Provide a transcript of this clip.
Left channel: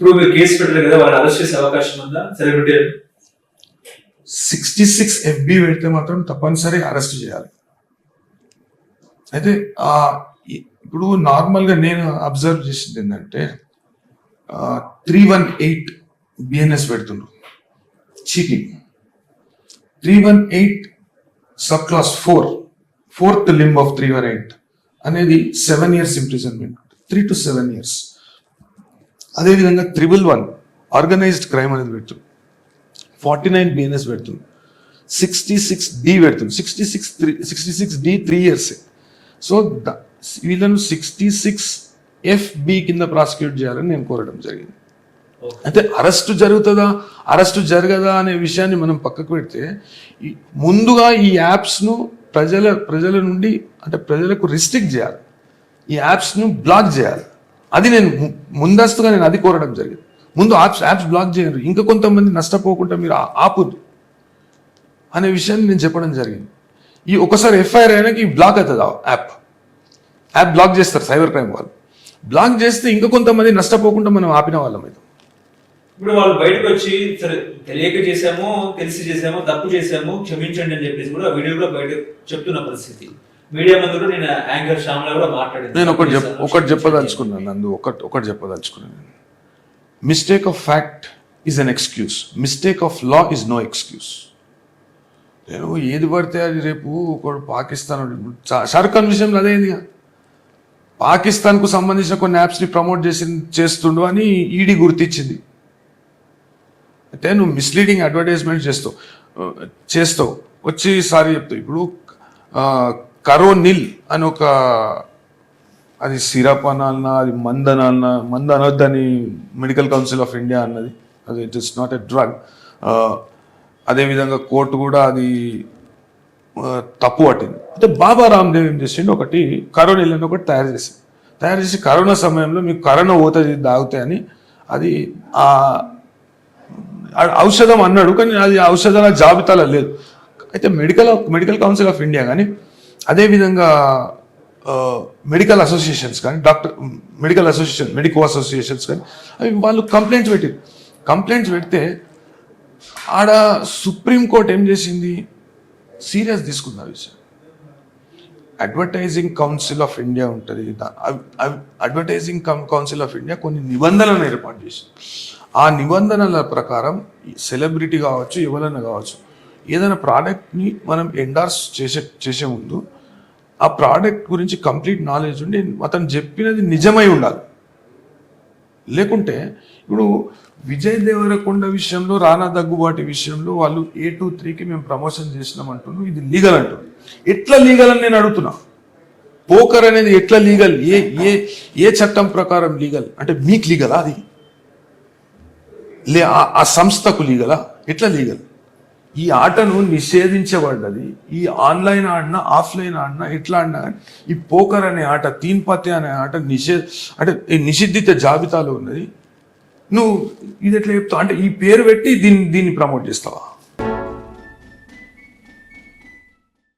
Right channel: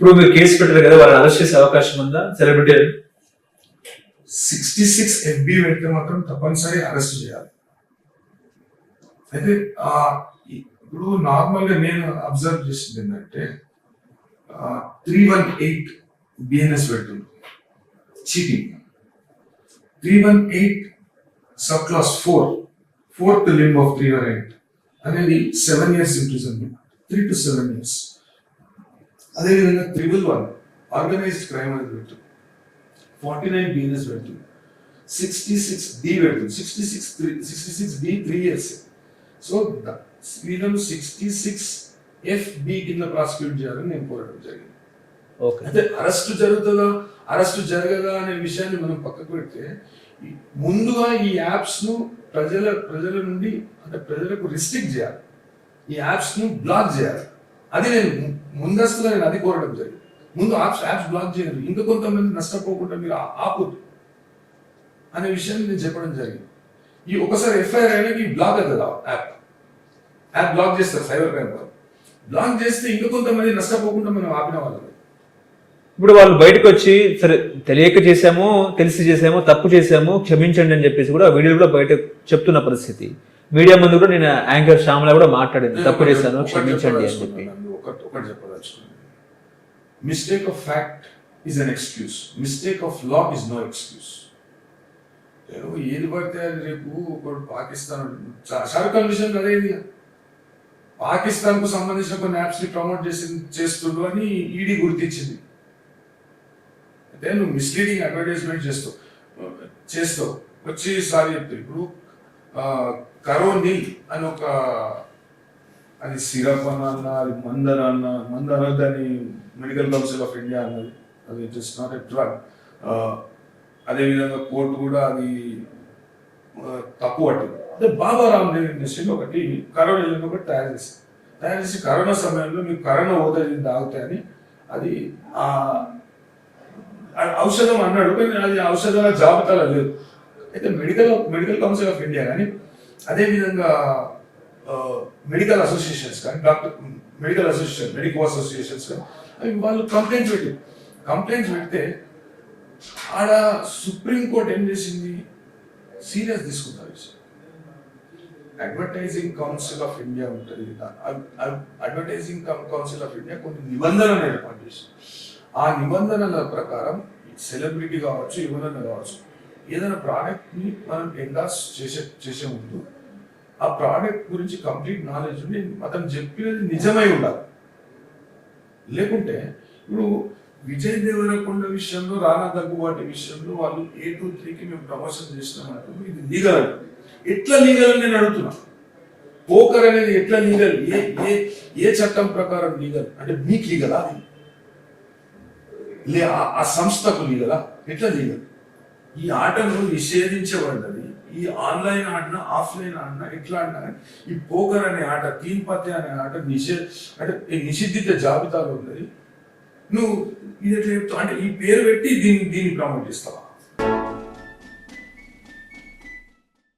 ఇప్పుడు మీరు కేసు పెట్టారు కదా, వాళ్ళని అరెస్ట్ చేసే అవకాశం ఉందా సెలబ్రిటీ? 66 FB పెడితే మాత్రం తప్పనిసరి అరెస్ట్ చేయాలి. అయితే ఇప్పుడు నార్మల్గా నేను అబ్జర్వ్ చేసింది ఏంటంటే 318 BNS పెడుతున్నారు cheating. 318 sub class 4th limb of 318 అనేది 7 years imprisonment, 3 to 7 years. అదేవిధంగా 111 ఆర్గనైజ్డ్ క్రైమ్ అనేది పెడుతుంది, 49 BNS పెడుతుంది, 66D పెడుతుంది, 66D 3 years. సో వీళ్ళను 66 FB కింద ప్రాసిక్యూట్ చేయాలని నేను కోరడం జరిగింది. అయితే అరెస్టు జరగదా అనే విషయాన్ని మనం పక్కకు పెడితే, ముందుగా ఈ యాప్స్ను ప్రజల నుండి అంటే ప్రజలకు రిస్ట్రిక్ట్ చేయాలి, ఈ యాప్స్ను బ్లాక్ చేయాలి. అది నేను ముందస్తుగా అది కోరడం జరిగింది. ముందు యాప్స్ బ్లాక్ చేయరు, ఇంకా కొంతమంది నష్టపోకుండా మీరు ఆపుదు అనే విషయాన్ని నేను చెప్పడం జరిగింది. ఈ ఒకసారి FIR అయినాక ఈ బ్లాక్ అవుతుంది, యాప్ బ్లాక్ చేస్తారు సైబర్ క్రైమ్ వాళ్ళు. బ్లాక్ చేస్తే ఇంకా కొంతమంది నష్టపోకుండా మనం ఆపిన వాళ్ళం. ఇప్పుడు వాళ్ళు బయటకు వచ్చి సరే తెలియక చేసామో తెలిసి చేసామో తప్పు చేసామో క్షమించండి అని చెప్పేసి కూడా వీడియో కూడా బయట చెప్తున్న పరిస్థితి. మీడియా ముందు కూడా నేను యాంకర్ శ్యామల కూడా మాట్లాడాను. నేను ఒకటి చెప్పదలుచుకున్నాను. Mistake of fact is an excuse, mistake of law is no excuse. నేను ఏది పడితే అది రేపు ఒకడు పాకిస్తాన్ షారుఖ్ ఖాన్ విషయంలో అదేది, పాకిస్తాన్కు సంబంధించిన కొన్ని యాప్స్ని ప్రమోట్ చేస్తుండు అని ఈడీ గుర్తించింది. అంటే నువ్వు మిస్లీడింగ్ అడ్వర్టైజ్మెంట్ చేస్తావు వచ్చి సారీ చెప్తావు. ఇప్పుడు కరోనిల్ అని ఒక, అది సిరప్ అనాలన్నా అది మందు అనొద్దని మెడికల్ కౌన్సిల్ ఆఫ్ ఇండియా అన్నది, అది it is not a drug. అదేవిధంగా కోర్టు కూడా అది తప్పు పట్టింది. అంటే బాబా రామ్దేవ్ ఏం చేసిండు, ఒకటి కరోనిల్ అని ఒకటి తయారు చేసి కరోనా సమయంలో మీకు కరోనా పోతుంది తాగితే అని, అది ఔషధం అన్నాడు, కానీ అది ఔషధాల జాబితాలో లేదు. అయితే మెడికల్ కౌన్సిల్ ఆఫ్ ఇండియా కానీ అదేవిధంగా మెడికల్ అసోసియేషన్స్ కానీ మెడికో అసోసియేషన్స్ కానీ అవి వాళ్ళు కంప్లైంట్స్ పెడితే ఆడ సుప్రీంకోర్టు ఏం చేసింది, సీరియస్ తీసుకున్నారు. అడ్వర్టైజింగ్ కౌన్సిల్ ఆఫ్ ఇండియా ఉంటుంది, అడ్వర్టైజింగ్ కౌన్సిల్ ఆఫ్ ఇండియా కొన్ని నిబంధనలను ఏర్పాటు చేసింది. ఆ నిబంధనల ప్రకారం సెలబ్రిటీ కావచ్చు, ఎవరైనా కావచ్చు, ఏదైనా ప్రోడక్ట్ని మనం ఎండార్స్ చేసే ముందు ఆ ప్రోడక్ట్ గురించి కంప్లీట్ నాలెడ్జ్ ఉండి అతను చెప్పినది నిజమై ఉండాలి. లేకుంటే ఇప్పుడు విజయ్ దేవరకొండ విషయంలో, రానా దగ్గుబాటి విషయంలో వాళ్ళు 823కి మేము ప్రమోషన్ చేసినాం అంటున్నాం, ఇది లీగల్ అంటున్నాం. ఎట్లా లీగల్ అని నేను అడుగుతున్నా. పోకర్ అనేది ఎట్లా లీగల్, ఏ చట్టం ప్రకారం లీగల్ అంటే మీకు లీగలా, అది ఆ సంస్థకు లీగలా, ఎట్లా లీగల్? ఈ ఆటను నిషేధించబడ్డది. ఈ ఆన్లైన్ ఆడినా ఆఫ్లైన్ ఆడినా ఎట్లా ఆడినా ఈ పోకర్ అనే ఆట, తీన్ పత్తే అనే ఆట అంటే నిషిద్ధిత జాబితాలో ఉన్నది. నువ్వు ఇది ఎట్లా చెప్తావు అంటే ఈ పేరు పెట్టి దీన్ని ప్రమోట్ చేస్తావా?